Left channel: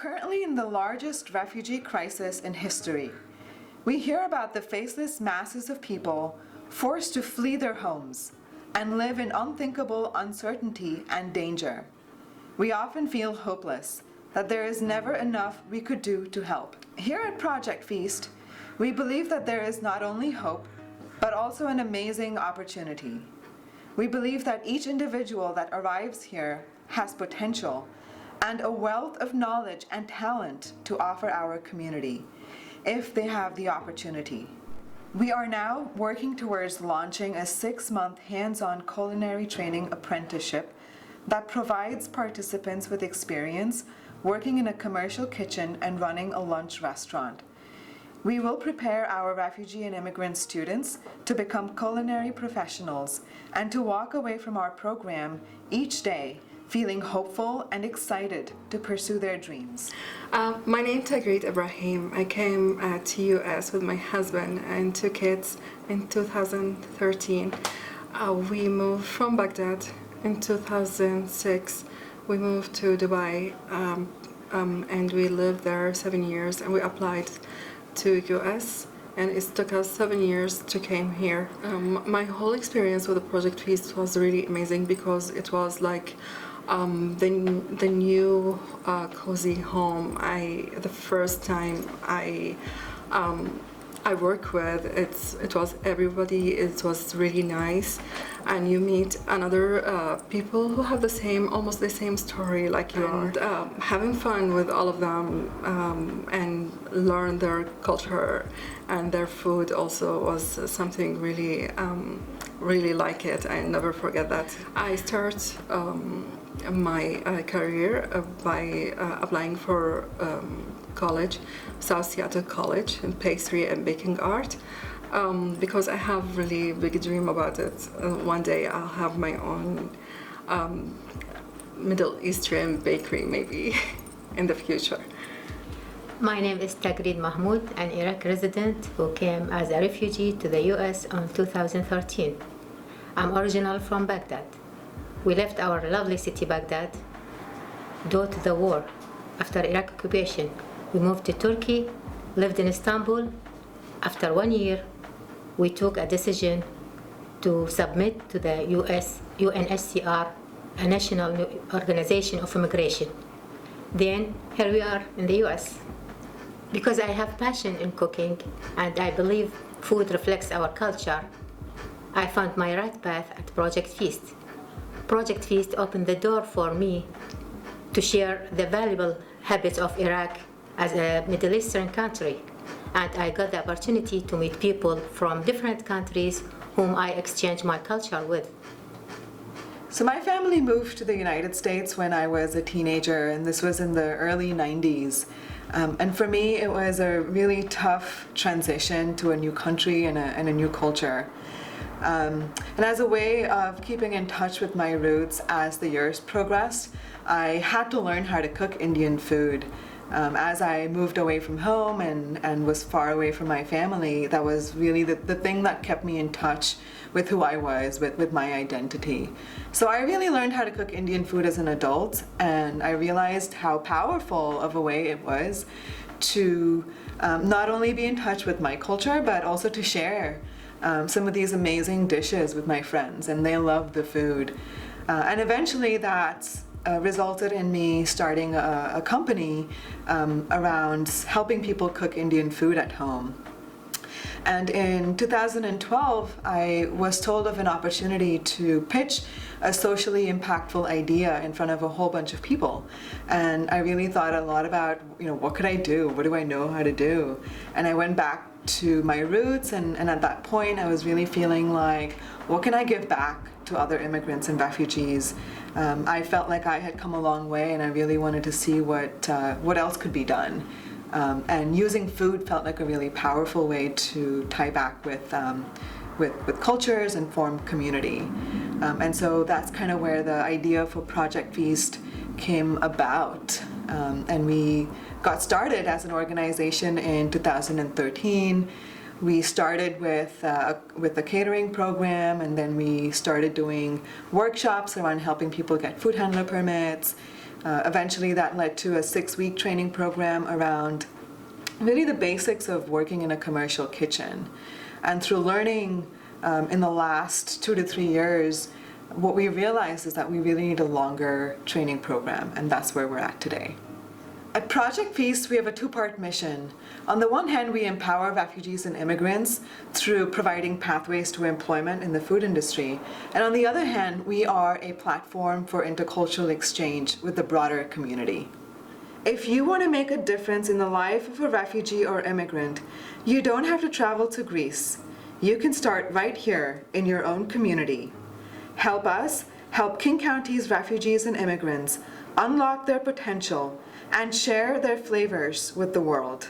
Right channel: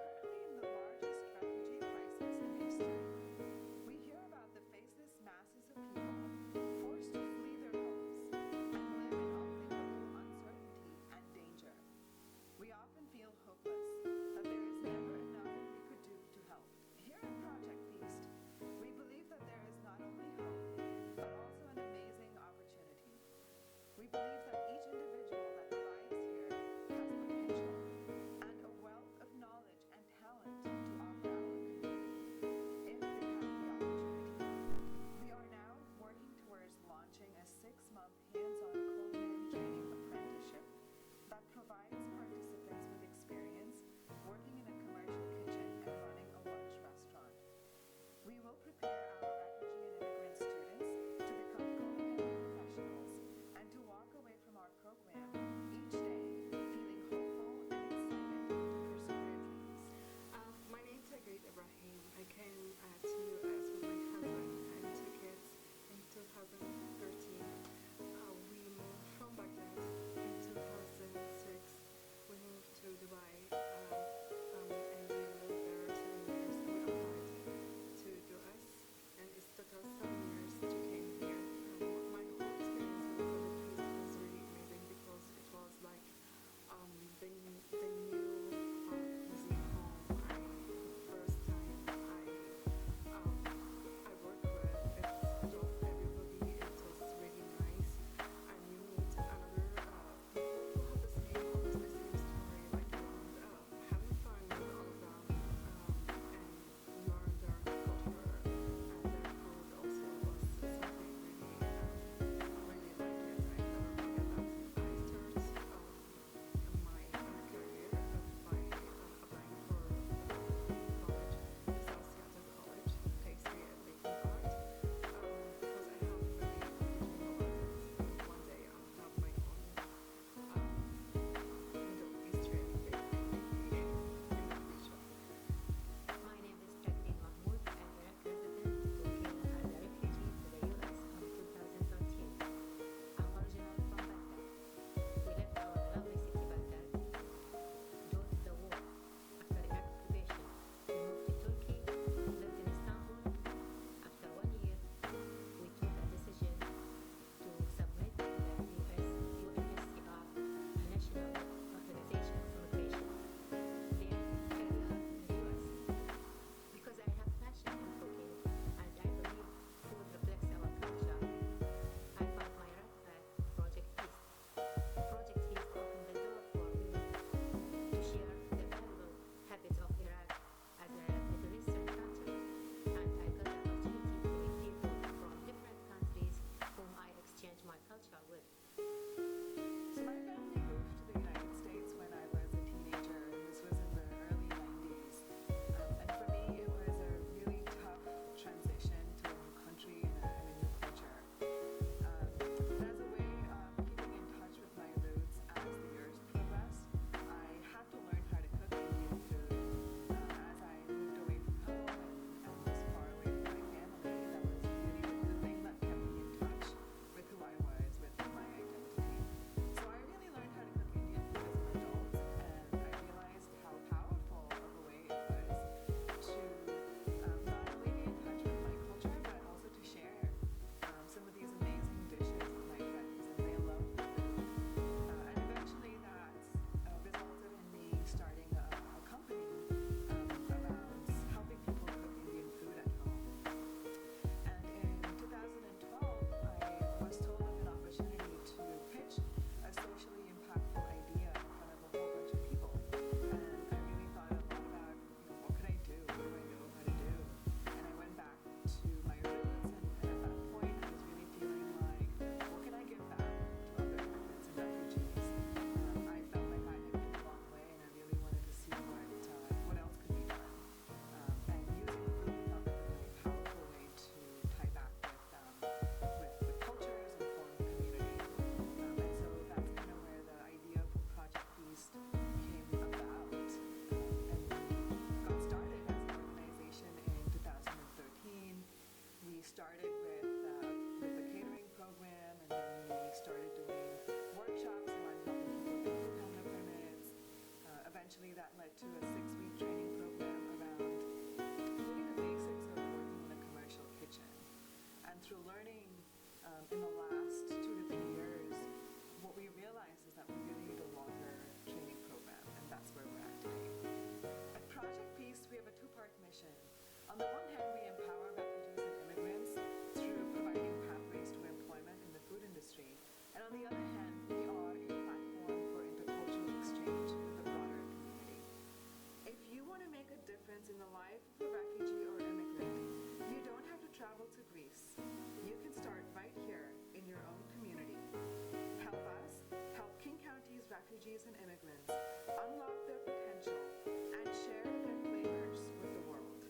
currently in the largest refugee crisis in history. We hear about the faceless masses of people forced to flee their homes and live in unthinkable uncertainty and danger. We often feel hopeless, that there is never enough we could do to help. Here at Project Feast, we believe that there is not only hope, but also an amazing opportunity. We believe that each individual that arrives here has potential and a wealth of knowledge and talent to offer our community, if they have the opportunity. We are now working towards launching a 6-month hands-on culinary training apprenticeship that provides participants with experience working in a commercial kitchen and running a lunch restaurant. We will prepare our refugee and immigrant students to become culinary professionals and to walk away from our program each day feeling hopeful and excited to pursue their dreams. My name is Tagreed Ibrahim. I came to US with my husband and 2 kids in 2013. We moved from Baghdad in 2006. We moved to Dubai and we lived there 7 years, and we applied to US, and it took us 7 years to came here. My whole experience with the Project Feast was really amazing because it was like the new cozy home. The first time I work with, it was everybody. It was really nice, and you meet another people who have almost the same story like you, and having fun with all of them and learn their culture and their food also was something really really like it. I never forget that. I start my career by applying for college, South Seattle College in pastry and baking art, because I have really big dream about it. One day I'll have my own Middle Eastern bakery maybe in the future. My name is Tagreed Mahmoud, an Iraq resident who came as a refugee to the US in 2013. I'm original from Baghdad. We left our lovely city Baghdad due to the war. After Iraq occupation, we moved to Turkey, lived in Istanbul. After 1 year, we took a decision to submit to the UNHCR, a national organization of immigration. Then here we are in the US. Because I have passion in cooking and I believe food reflects our culture, I found my right path at Project Feast. Project Feast opened the door for me to share the valuable habits of Iraq as a Middle Eastern country, and I got the opportunity to meet people from different countries whom I exchange my culture with. So my family moved to the United States when I was a teenager, and this was in the early 90s. And for me, it was a really tough transition to a new country and a new culture. And as a way of keeping in touch with my roots as the years progressed, I had to learn how to cook Indian food. As I moved away from home and was far away from my family, that was really the thing that kept me in touch with who I was, with my identity. So I really learned how to cook Indian food as an adult, and I realized how powerful of a way it was to not only be in touch with my culture, but also to share some of these amazing dishes with my friends, and they loved the food. And eventually that resulted in me starting a company around helping people cook Indian food at home. And in 2012, I was told of an opportunity to pitch a socially impactful idea in front of a whole bunch of people. And I really thought a lot about, what could I do? What do I know how to do? And I went back to my roots, and at that point I was really feeling like, what can I give back to other immigrants and refugees? I felt like I had come a long way, and I really wanted to see what else could be done. And using food felt like a really powerful way to tie back with cultures and form community. And so that's kind of where the idea for Project Feast came about. And we got started as an organization in 2013. We started with a catering program, and then we started doing workshops around helping people get food handler permits. Eventually, that led to a 6-week training program around really the basics of working in a commercial kitchen. And through learning in the last 2 to 3 years, what we realized is that we really need a longer training program, and that's where we're at today. At Project Feast, we have a 2-part mission. On the one hand, we empower refugees and immigrants through providing pathways to employment in the food industry. And on the other hand, we are a platform for intercultural exchange with the broader community. If you want to make a difference in the life of a refugee or immigrant, you don't have to travel to Greece. You can start right here in your own community. Help us help King County's refugees and immigrants unlock their potential and share their flavors with the world.